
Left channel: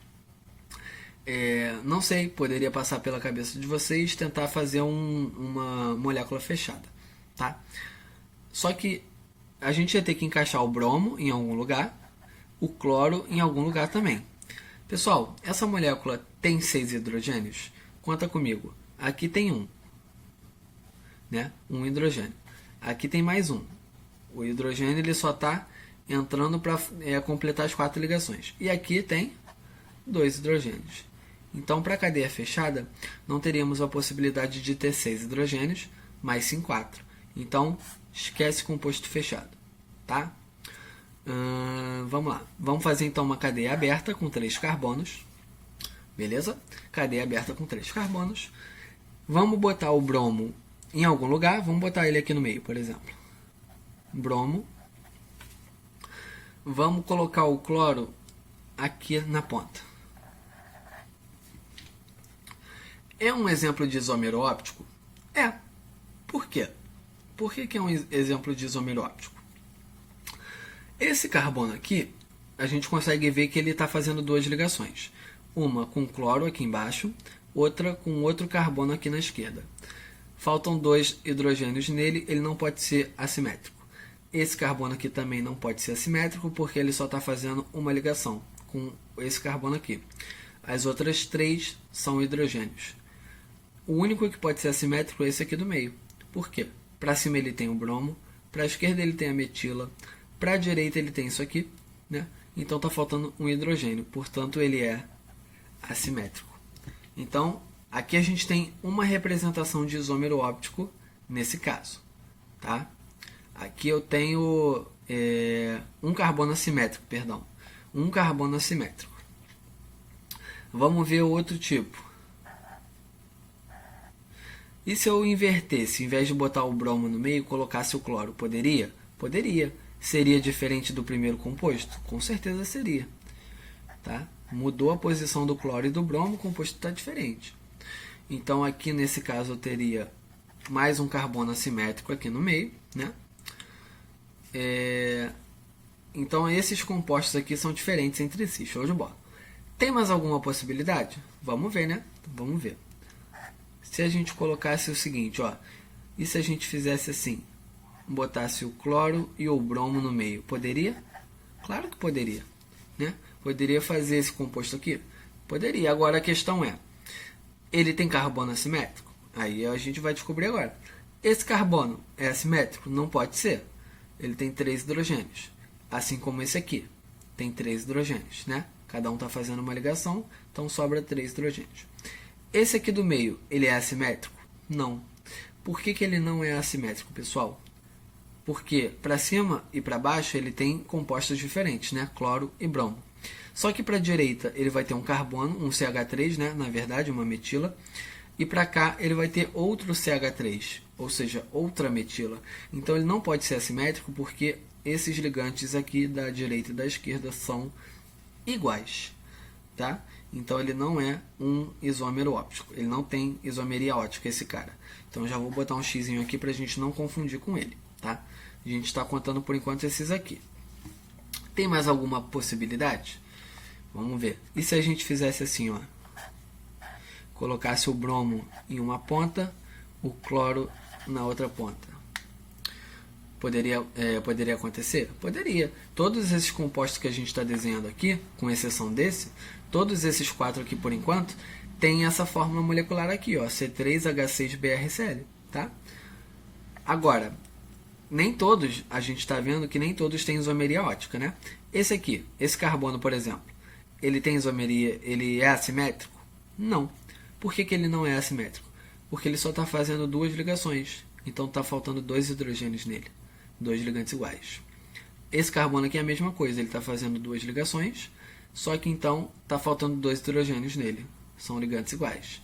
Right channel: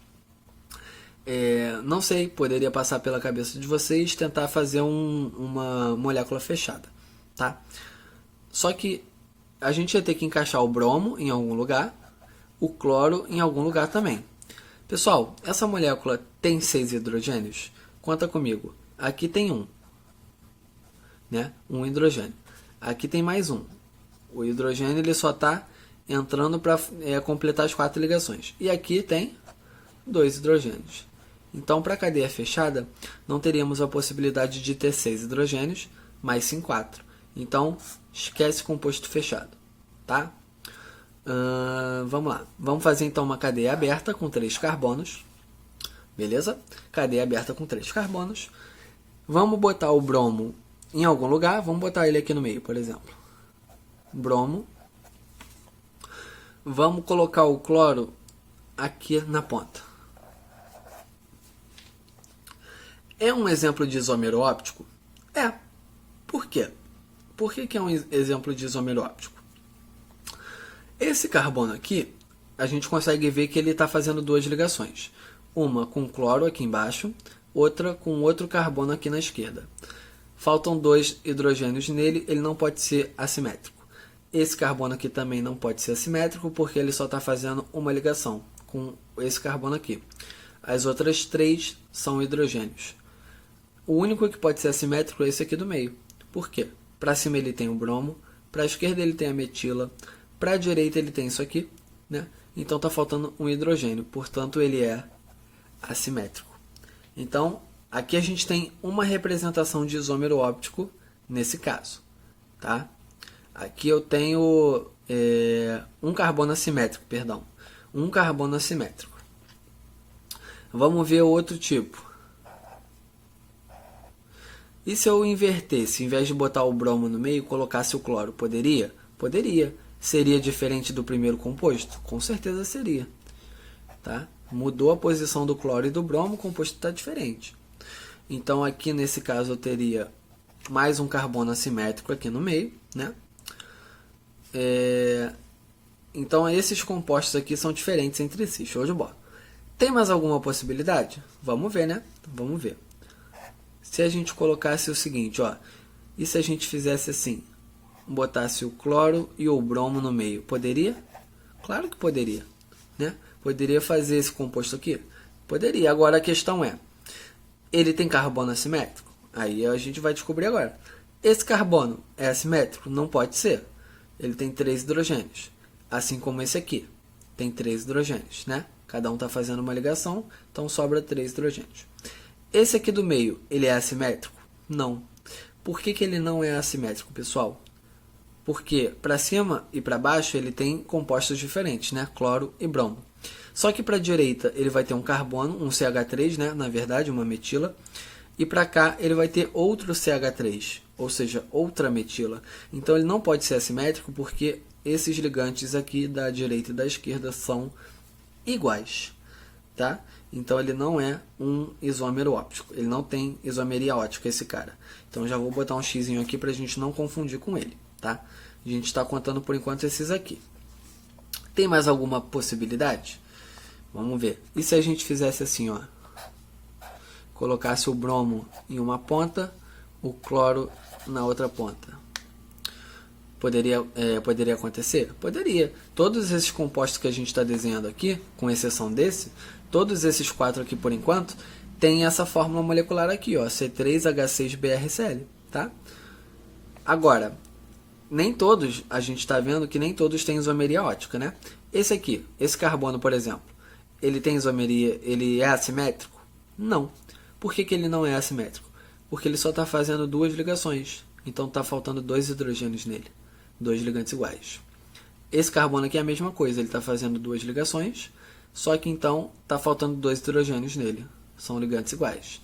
Não sei, poderia passar pela cabeça de vocês tentar fazer uma molécula fechada, tá? Só que a gente ia ter que encaixar o bromo em algum lugar, o cloro em algum lugar também. Pessoal, essa molécula tem 6 hidrogênios? Conta comigo. Aqui tem 1, né? Um hidrogênio. Aqui tem mais 1. O hidrogênio ele só está entrando para completar as 4 ligações. E aqui tem 2 hidrogênios. Então, para a cadeia fechada, não teríamos a possibilidade de ter 6 hidrogênios, mas sim 4. Então, esquece composto fechado, tá? Vamos lá. Vamos fazer então uma cadeia aberta com 3 carbonos. Beleza? Cadeia aberta com 3 carbonos. Vamos botar o bromo em algum lugar. Vamos botar ele aqui no meio, por exemplo. Bromo. Vamos colocar o cloro aqui na ponta. É um exemplo de isômero óptico? É. Por quê? Por que é um exemplo de isômero óptico? Esse carbono aqui, a gente consegue ver que ele está fazendo 2 ligações. Uma com cloro aqui embaixo, outra com outro carbono aqui na esquerda. Faltam 2 hidrogênios nele, ele não pode ser assimétrico. Esse carbono aqui também não pode ser assimétrico, porque ele só está fazendo uma ligação com esse carbono aqui. As outras 3 são hidrogênios. O único que pode ser assimétrico é esse aqui do meio. Por quê? Para cima ele tem o bromo, para a esquerda ele tem a metila, para a direita ele tem isso aqui, né? Então está faltando um hidrogênio, portanto ele é assimétrico. Então, aqui a gente tem uma representação de isômero óptico nesse caso, tá? Aqui eu tenho um carbono assimétrico, perdão. Um carbono assimétrico. Vamos ver o outro tipo. E se eu invertesse, em vez de botar o bromo no meio, colocasse o cloro, poderia? Poderia. Seria diferente do primeiro composto? Com certeza seria. Tá? Mudou a posição do cloro e do bromo, o composto está diferente. Então, aqui nesse caso, eu teria mais um carbono assimétrico aqui no meio, né? Então, esses compostos aqui são diferentes entre si. Show de bola. Tem mais alguma possibilidade? Vamos ver, né? Vamos ver. Se a gente colocasse o seguinte, ó, e se a gente fizesse assim, botasse o cloro e o bromo no meio, poderia? Claro que poderia, né? Poderia fazer esse composto aqui? Poderia. Agora a questão é, ele tem carbono assimétrico? Aí a gente vai descobrir agora. Esse carbono é assimétrico? Não pode ser. Ele tem 3 hidrogênios, assim como esse aqui, tem 3 hidrogênios, né? Cada um está fazendo uma ligação, então sobra 3 hidrogênios. Esse aqui do meio, ele é assimétrico? Não. Por que ele não é assimétrico, pessoal? Porque para cima e para baixo ele tem compostos diferentes, né? Cloro e bromo. Só que para a direita ele vai ter um carbono, um CH3, né? Na verdade, uma metila. E para cá ele vai ter outro CH3, ou seja, outra metila. Então ele não pode ser assimétrico porque esses ligantes aqui da direita e da esquerda são iguais, tá? Então ele não é um isômero óptico. Ele não tem isomeria óptica, esse cara. Então já vou botar um xizinho aqui para a gente não confundir com ele, tá? A gente está contando por enquanto esses aqui. Tem mais alguma possibilidade? Vamos ver. E se a gente fizesse assim, ó? Colocasse o bromo em uma ponta, o cloro na outra ponta. Poderia acontecer? Poderia. Todos esses compostos que a gente está desenhando aqui, com exceção desse, todos esses 4 aqui por enquanto, tem essa fórmula molecular aqui, ó, C3H6BrCl, tá? Agora, nem todos, a gente está vendo que nem todos têm isomeria ótica, né? Esse aqui, esse carbono, por exemplo, ele tem isomeria, ele é assimétrico? Não. Por que ele não é assimétrico? Porque ele só está fazendo 2 ligações, então está faltando 2 hidrogênios nele, 2 ligantes iguais. Esse carbono aqui é a mesma coisa, ele está fazendo 2 ligações, só que então está faltando 2 hidrogênios nele, são ligantes iguais.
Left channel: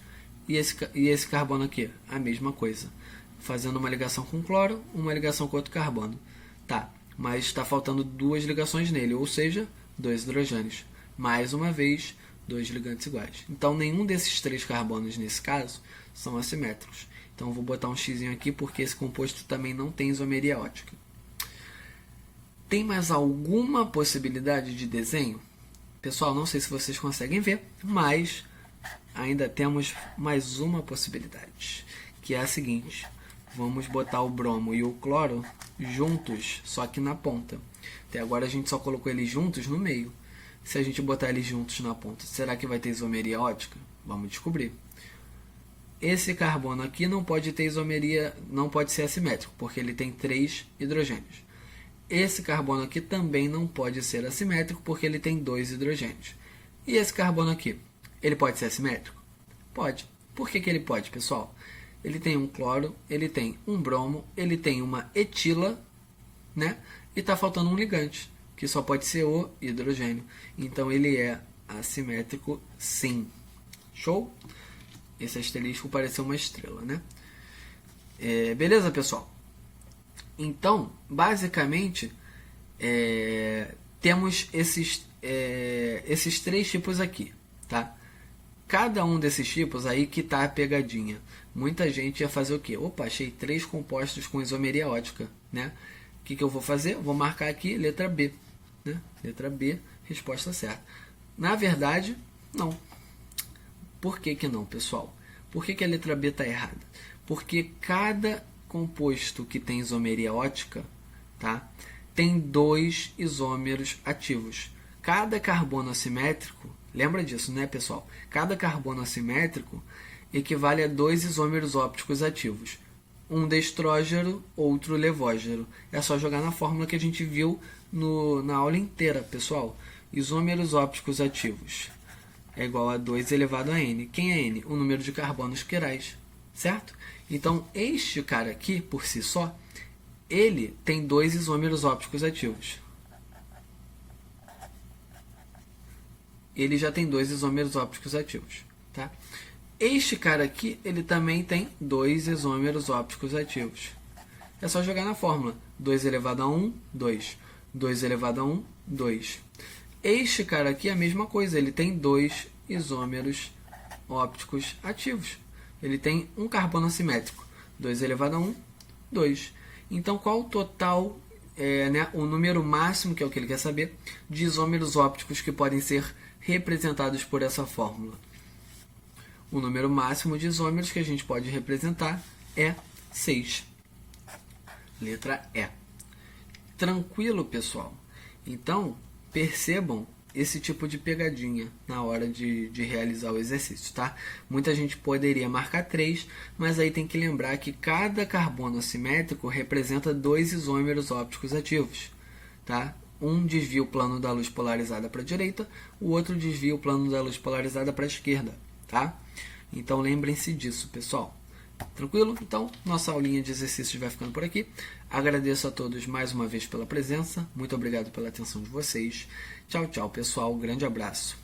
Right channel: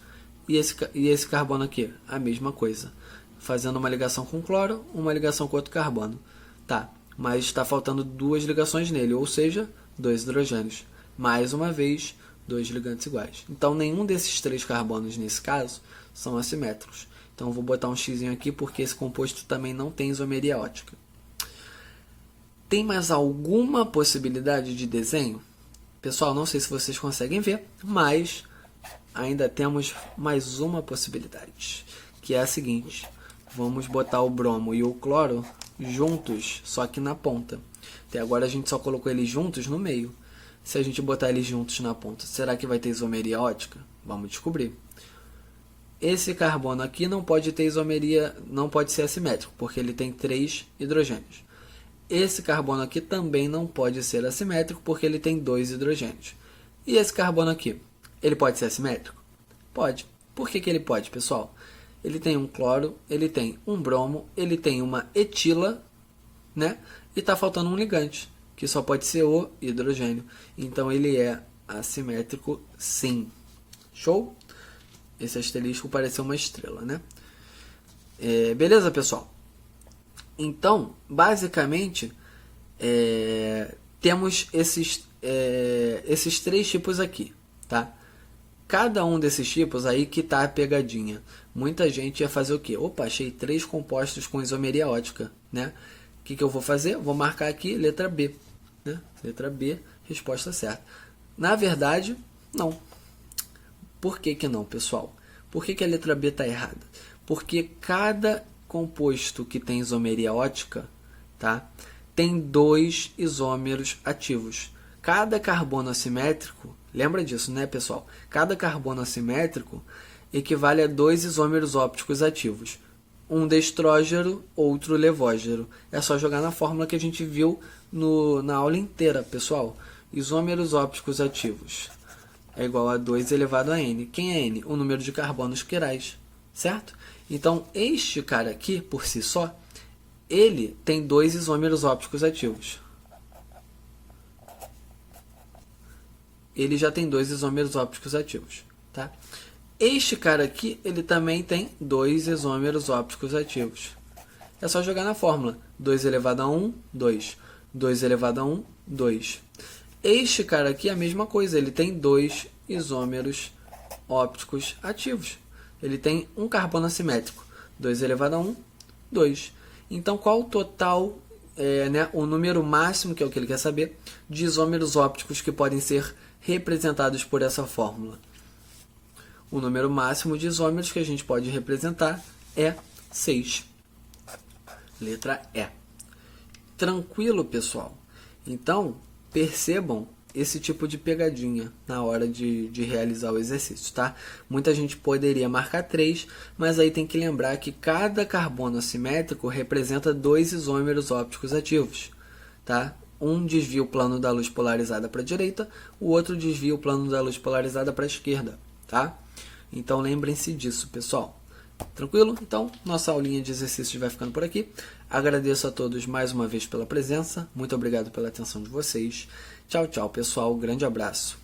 E esse carbono aqui, a mesma coisa, fazendo uma ligação com cloro, uma ligação com outro carbono. Tá, mas está faltando 2 ligações nele, ou seja, 2 hidrogênios. Mais uma vez, 2 ligantes iguais. Então, nenhum desses 3 carbonos, nesse caso, são assimétricos. Então, eu vou botar um x aqui, porque esse composto também não tem isomeria ótica. Tem mais alguma possibilidade de desenho? Pessoal, não sei se vocês conseguem ver, mas ainda temos mais uma possibilidade, que é a seguinte. Vamos botar o bromo e o cloro juntos, só que na ponta. Até agora a gente só colocou eles juntos no meio. Se a gente botar eles juntos na ponta, será que vai ter isomeria ótica? Vamos descobrir. Esse carbono aqui não pode ter isomeria, não pode ser assimétrico, porque ele tem 3 hidrogênios. Esse carbono aqui também não pode ser assimétrico, porque ele tem 2 hidrogênios. E esse carbono aqui, ele pode ser assimétrico? Pode. Por que ele pode, pessoal? Ele tem um cloro, ele tem um bromo, ele tem uma etila, né? E está faltando um ligante, que só pode ser o hidrogênio. Então, ele é assimétrico, sim. Show? Esse asterisco parece uma estrela, né? Beleza, pessoal? Então, basicamente, temos esses 3 tipos aqui, tá? Cada um desses tipos aí que tá a pegadinha. Muita gente ia fazer o quê? Opa, achei 3 compostos com isomeria ótica, né? O que eu vou fazer? Vou marcar aqui letra B, né? Letra B, resposta certa. Na verdade, não. Por que não, pessoal? Por que a letra B está errada? Porque cada composto que tem isomeria ótica, tá? Tem 2 isômeros ativos. Cada carbono assimétrico, lembra disso, né, pessoal? Cada carbono assimétrico equivale a 2 isômeros ópticos ativos. Um destrógeno, outro levógeno. É só jogar na fórmula que a gente viu na aula inteira, pessoal. Isômeros ópticos ativos é igual a 2 elevado a N. Quem é N? O número de carbonos quirais, certo? Então, este cara aqui, por si só, ele tem 2 isômeros ópticos ativos. Ele já tem 2 isômeros ópticos ativos, tá? Este cara aqui, ele também tem 2 isômeros ópticos ativos. É só jogar na fórmula. 2 elevado a 1, 2. 2 elevado a 1, 2. Este cara aqui é a mesma coisa. Ele tem 2 isômeros ópticos ativos. Ele tem um carbono assimétrico. 2 elevado a 1, 2. Então, qual o total, o número máximo, que é o que ele quer saber, de isômeros ópticos que podem ser representados por essa fórmula? O número máximo de isômeros que a gente pode representar é 6. Letra E. Tranquilo, pessoal? Então, percebam esse tipo de pegadinha na hora de realizar o exercício, tá? Muita gente poderia marcar 3, mas aí tem que lembrar que cada carbono assimétrico representa 2 isômeros ópticos ativos, tá? Um desvia o plano da luz polarizada para a direita, o outro desvia o plano da luz polarizada para a esquerda, tá? Então, lembrem-se disso, pessoal. Tranquilo? Então, nossa aulinha de exercícios vai ficando por aqui. Agradeço a todos mais uma vez pela presença. Muito obrigado pela atenção de vocês. Tchau, tchau, pessoal. Grande abraço.